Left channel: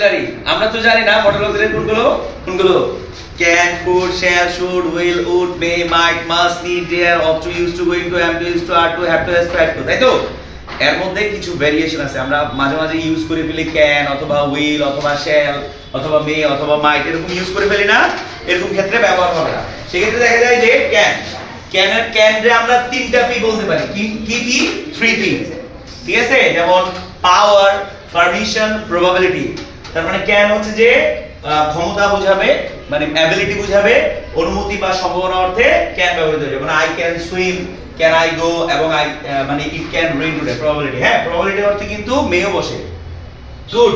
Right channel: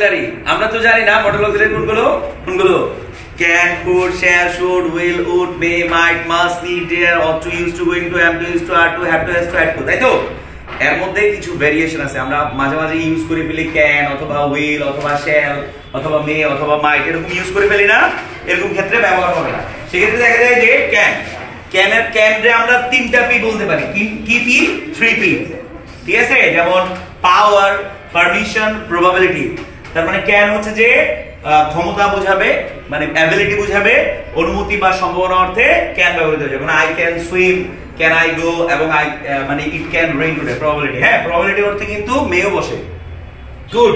Auxiliary আমরা তো জানি না মডেল অক্সিলারি কোনগুলো can, could, shall, should, will, would, may, might, must, need, dare, ought to, used to, going to, am to, used to, are to, have to, has to, had to, তাই তো? এর মধ্যে কিছু variation আছে আমরা মাঝে মাঝে ইউজ করে ফেলি ক্যান অথবা উইল অথবা শ্যাল অথবা মে অথবা মাইট এরকম ইউজ করে ফেলি না, এরকম ক্ষেত্রে ব্যবহার হবে না। সেক্ষেত্রে দেখা যায় যে ক্যান রে আমরা তিনটা পি বলতে পারি, কি পি? 3 পি, ঠিক আছে? যেমন পাওয়ার, পারমিশন, প্রবাবিলিটি। তার মানে ক্যান হচ্ছে যে ক্ষমতা বোঝাবে, মানে অ্যাবিলিটি বোঝাবে, অনুমতি বা সম্ভাবনা অর্থে ক্যান ব্যবহৃত হয়। যেমন I can swim, can I go, এবং আই মানে it can rain today, probability. হ্যাঁ, প্রবাবিলিটি অর্থে কিন্তু মেও বসে। কুড,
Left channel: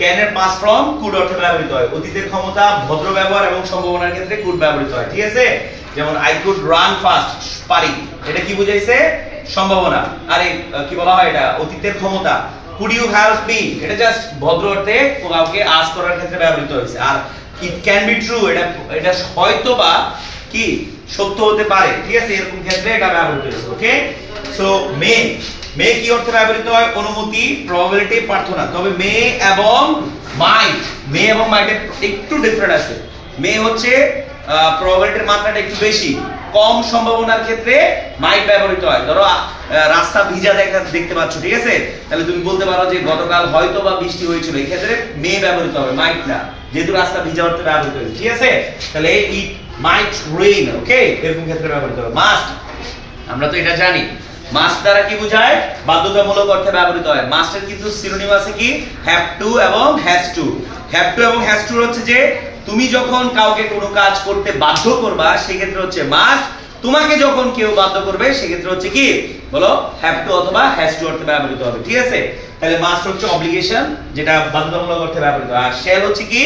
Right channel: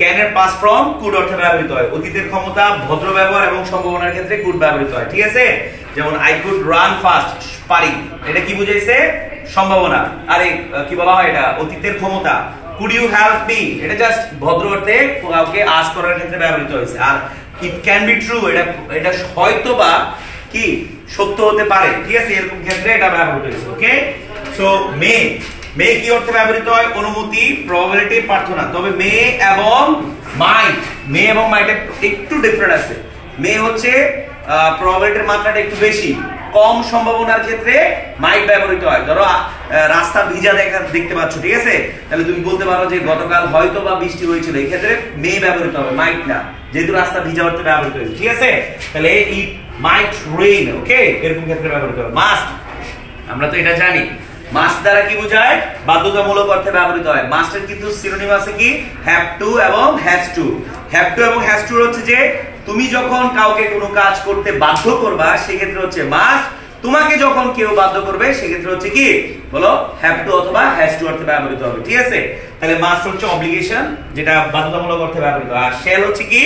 ক্যান এর পাস্ট ফর্ম কুড অর্থে ব্যবহৃত হয়। অতীতের ক্ষমতা, ভদ্র ব্যবহার এবং সম্ভাবনার ক্ষেত্রে কুড ব্যবহৃত হয়, ঠিক আছে? যেমন আই কুড রান ফাস্ট, পারি, এটা কি বুঝাইছে? সম্ভাবনা। আরে কি বলা হয় এটা? অতীতের ক্ষমতা। কুড ইউ হেল্প মি, এটা জাস্ট ভদ্র অর্থে কাউকে আস্ক করার ক্ষেত্রে ব্যবহৃত হয়েছে। আর ইট ক্যান বি ট্রু, এটা হয়তোবা কি সত্য হতে পারে, ঠিক আছে? এরকম ক্ষেত্রে এটা ব্যবহৃত হয়েছে। ওকে, সো মে কি অর্থে ব্যবহৃত হয়? অনুমতি, প্রবাবিলিটি, প্রার্থনা। তবে মে এবং মাইটের একটু ডিফারেন্ট আছে। মে হচ্ছে প্রবাবিলিটির মাত্রাটা একটু বেশি, কম সম্ভাবনার ক্ষেত্রে মাইট ব্যবহৃত হয়। ধরো রাস্তা ভিজা দেখতে পাচ্ছ, ঠিক আছে? তাহলে তুমি বলতে পারো যে গতকাল হয়তো বা বৃষ্টি হয়েছিল, এই ক্ষেত্রে মে ব্যবহৃত হবে, মাইট না, যেহেতু রাস্তা ভিজা অর্থে ব্যবহৃত হয়েছে, ঠিক আছে? তাহলে ইট মাইট রেইন, ওকে, এরকম ক্ষেত্রে ব্যবহৃত হবে। মাস্ট, আমরা তো এটা জানি, মাস্ট দ্বারা কি বোঝায়? বাধ্যতামূলক অর্থে ব্যবহৃত হয়। মাস্টের কিন্তু সিনোনিম আছে কি? হ্যাভ টু এবং হ্যাজ টু। হ্যাভ টু এবং হ্যাজ টু হচ্ছে যে তুমি যখন কাউকে কোনো কাজ করতে বাধ্য করবা সেক্ষেত্রে হচ্ছে মাস্ট, তোমাকে যখন কেউ বাধ্য করবে সেক্ষেত্রে হচ্ছে কি? বলো, হ্যাভ টু অথবা হ্যাজ টু অর্থে ব্যবহৃত হবে, ঠিক আছে? তাহলে মাস্ট হচ্ছে অব্লিগেশন, যেটা বাধ্যতামূলক অর্থে ব্যবহৃত হয়। আর শ্যাল হচ্ছে কি?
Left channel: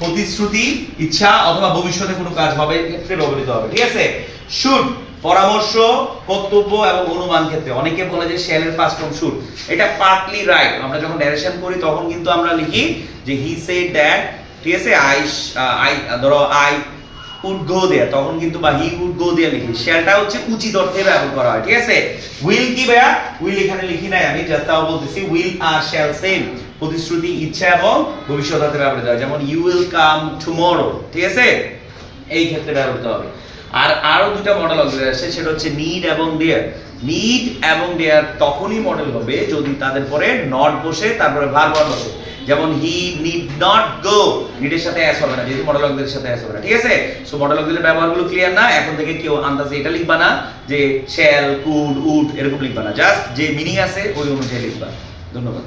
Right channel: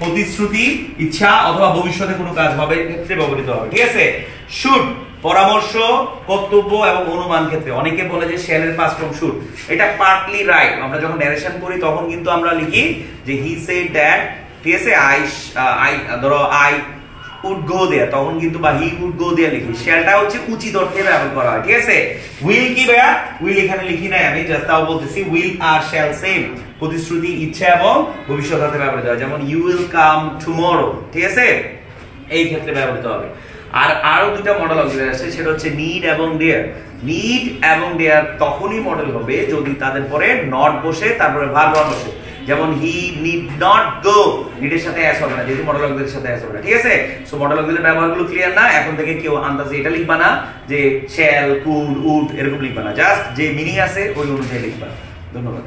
প্রতিশ্রুতি, ইচ্ছা অথবা ভবিষ্যতে কোনো কাজ হবে ক্ষেত্রে ব্যবহৃত হবে, ঠিক আছে? শুড, পরামর্শ, কর্তব্য এবং অনুমান ক্ষেত্রে। অনেকে বলে যে শ্যালের পাস্ট ফর্ম শুড, এটা পার্টলি রাইট। আমরা যখন ন্যারেশন করি তখন কিন্তু আমরা লিখি যে হি সেড দ্যাট, ঠিক আছে? ধরো আই উড গো দেয়ার, তখন কিন্তু বা হি উড গো দেয়ার লিখি। শ্যালটা হচ্ছে উচিত অর্থে ব্যবহার করা হয়, ঠিক আছে? উইল কি ভাইয়া? উইল এখানে লিখি নাই আমি, জাস্ট তাও বলতেছি। উইল আর শ্যাল সেম, প্রতিশ্রুতি, ইচ্ছা এবং ভবিষ্যৎ অর্থে ব্যবহৃত হয়। যেমন ইউ উইল কাম টুমরো, ঠিক আছে? এই ক্ষেত্রে ব্যবহৃত হবে। আর আরো দুটো মডেল অক্সিলারি আছে, সেটা হচ্ছে নিড এবং ডেয়ার। নিড এবং ডেয়ার তখনই মডেল হবে যদি তাদের পরে নট বসে, তারপরে ভার্ব বসে। যেমন হি নিড নট গো, নিডের সাথে অ্যাস হবে না, যেহেতু মডেল অক্সিলারির সাথে অ্যাস হবে না, ঠিক আছে? সো মডেল অক্সিলারির ব্যবহারগুলো ক্লিয়ার না? এখন থেকে কেউ আন্দাজে এটা লিখবা না যে শ্যাল, কুড, উড এরকম লিখবা না, জাস্ট যে মিনিং আছে ওই অনুযায়ী লিখবা। ধন্যবাদ।